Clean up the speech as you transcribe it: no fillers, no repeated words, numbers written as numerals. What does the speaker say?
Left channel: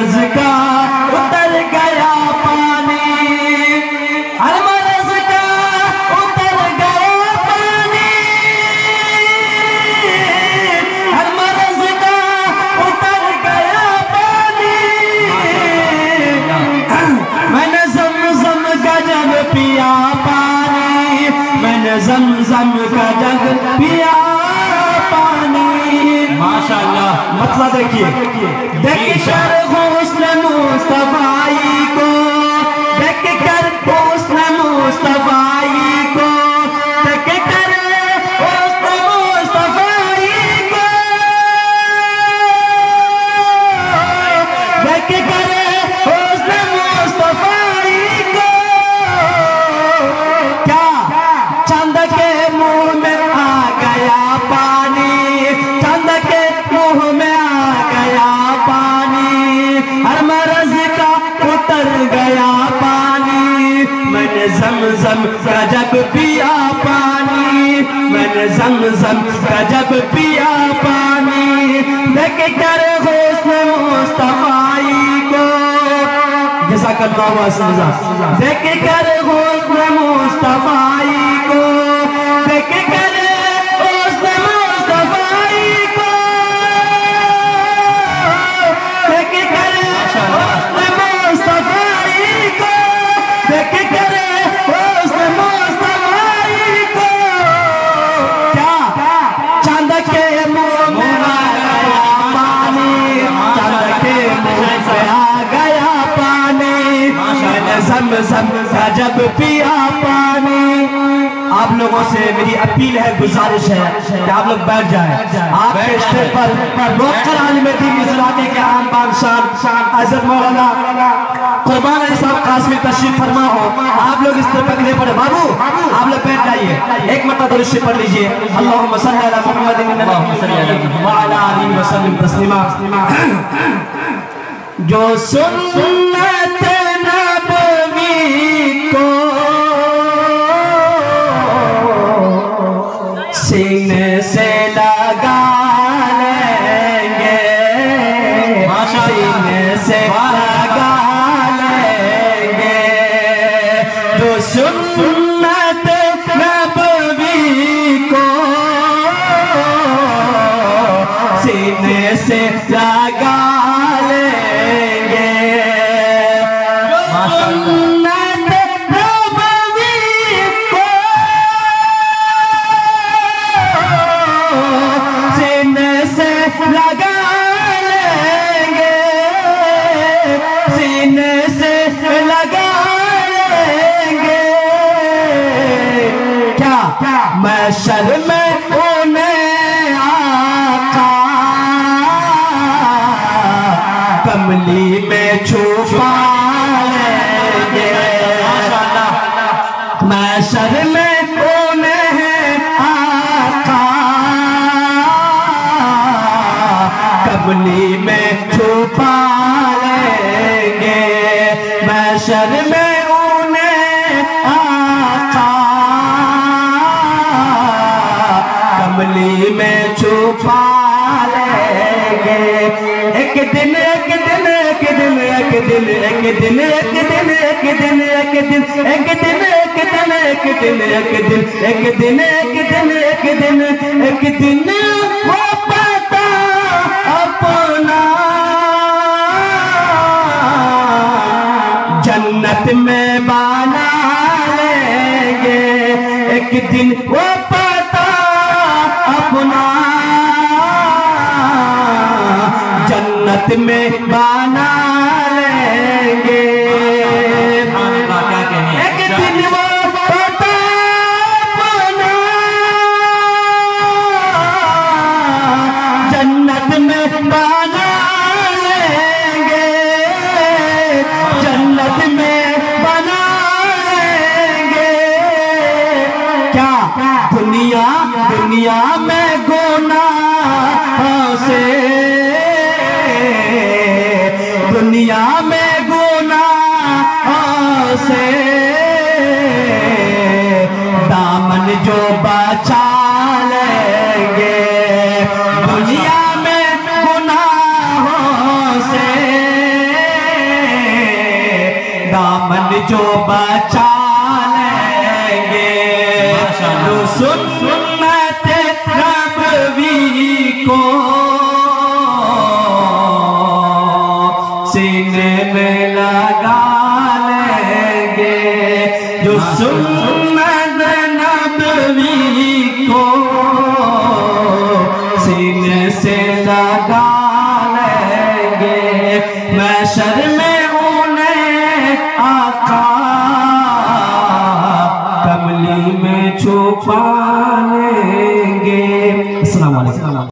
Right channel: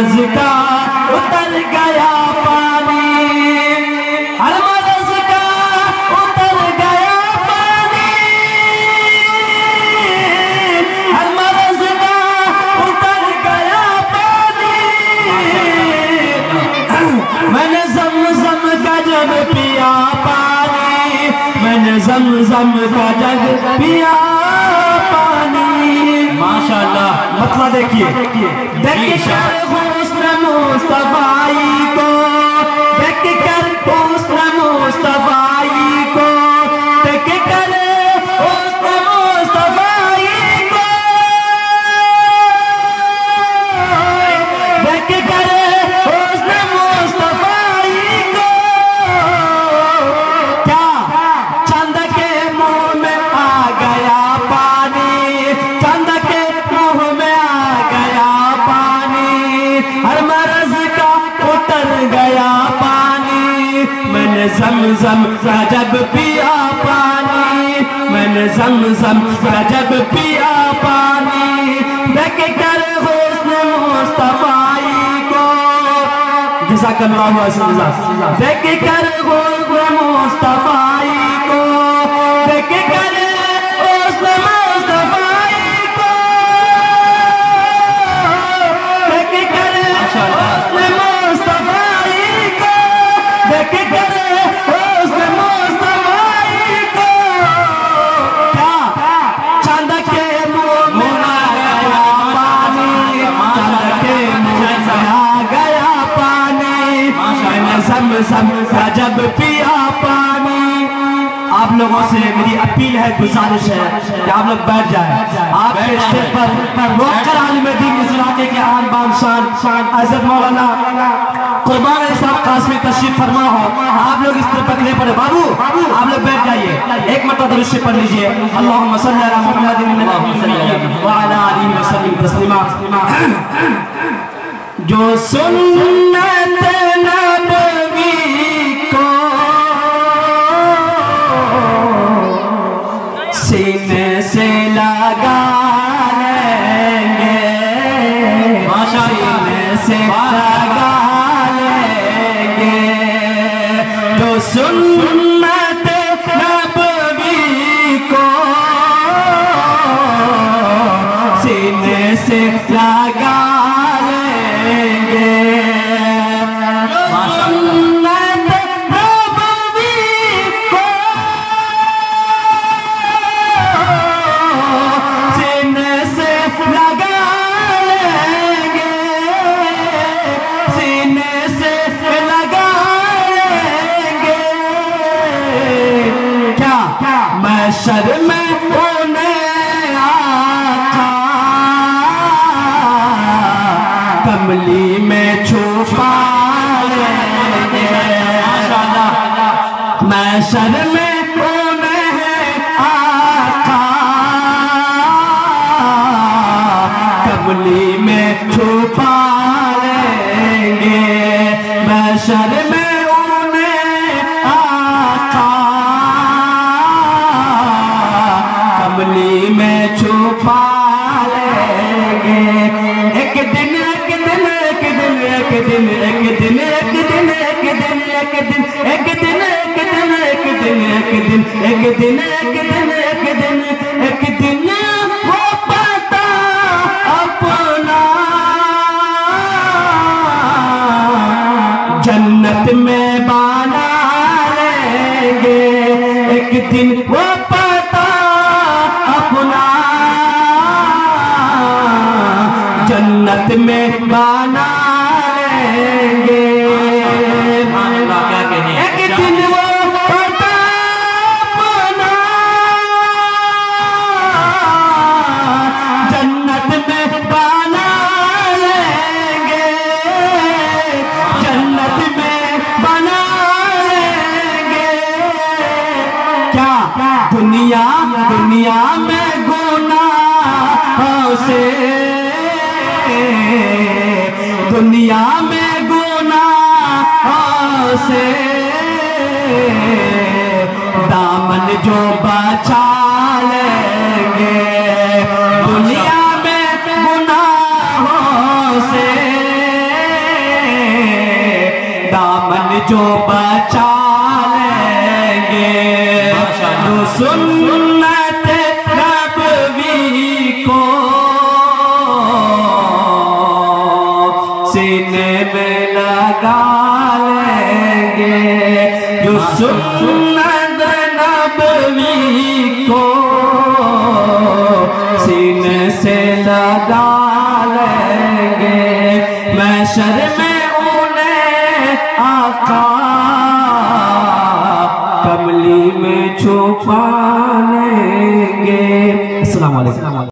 मरज का उतर गया पानी, हर मरज का उतर गया पानी, हर मरज का उतर गया पानी। मैंने ज़म-ज़म का जग पिया पानी, मैंने ज़म-ज़म का जग पिया पानी। माशाअल्लाह। मतलब देखिए हुस्न मुस्तफाई को देख कर, हुस्न मुस्तफाई को देख कर, हुस्न मुस्तफाई को देख कर, हुस्न मुस्तफाई को क्या चंद के मुंह में आ गया पानी, चंद के मुंह में आ गया पानी, हर मरज का उतर गया पानी। मैंने ज़म-ज़म का जब पिया पानी, मैंने ज़म-ज़म का जब पिया पानी, देख कर हुस्न मुस्तफाई को, जज़ाकल्लाहु खैरन, देख कर हुस्न मुस्तफाई को, देख कर हुस्न मुस्तफाई को, देख कर हुस्न मुस्तफाई को, देख कर हुस्न मुस्तफाई को क्या चांद के मुंह में आ गया पानी, चांद के मुंह में आ गया पानी, मैंने ज़म-ज़म का जब पिया पानी। आप लोगों से मेरी अपील है, गुजारिश है कि आप लोग बैठ जाएं। आप स्टेज पर डॉक्टर आलिम दीन गुजराती के आन बान शान हज़रत मौलाना कुर्बान अली साहब कासमी तशरीफ फरमा हो, आप लोग इस पर खड़े पड़े। बाबू आप लोग बैठ जाइए, एक मरतबा दुरूद शरीफ पढ़ लीजिए। अल्लाहुम्मा सल्ली अला मुहम्मदिन व अला आलिहि व सल्लिम तस्लीमा। जो सुन्नत नबवी को सीने से लगा लेंगे, सीने से लगा लेंगे, जो सुन्नत नबवी को सीने से लगा लेंगे, सुन्नत नबवी को सीने से लगा लेंगे, सीने से लगा लेंगे, क्या महशर में उन्हें आका कमली में छुपा लेंगे, महशर में उन्हें आका कमली में छुपा लेंगे, महशर में उन्हें आका कमली में छुपा लेंगे। एक दिन एक दिन एक दिन एक दिन एक दिन एक दिन एक दिन एक दिन एक दिन एक दिन एक दिन एक दिन एक दिन एक दिन एक दिन एक दिन वो पता अपना जन्नत में बना लेंगे, एक दिन वो पता अपना जन्नत में बना लेंगे। एक दिन वो पता अपना जन्नत में बना लेंगे, जन्नत में बना लेंगे। क्या दुनिया दुनिया में गुनाहों से, दुनिया में गुनाहों से दामन जो बचा लेंगे, दुनिया में गुनाहों से दामन जो बचा लेंगे जो सुन्नत नबवी को सीने में लगा लेंगे, जो सुन्नत नबवी को सीने से लगा लेंगे, महशर में उन्हें आका कमली में छुपा लेंगे। अस्सलाम वालेकुम।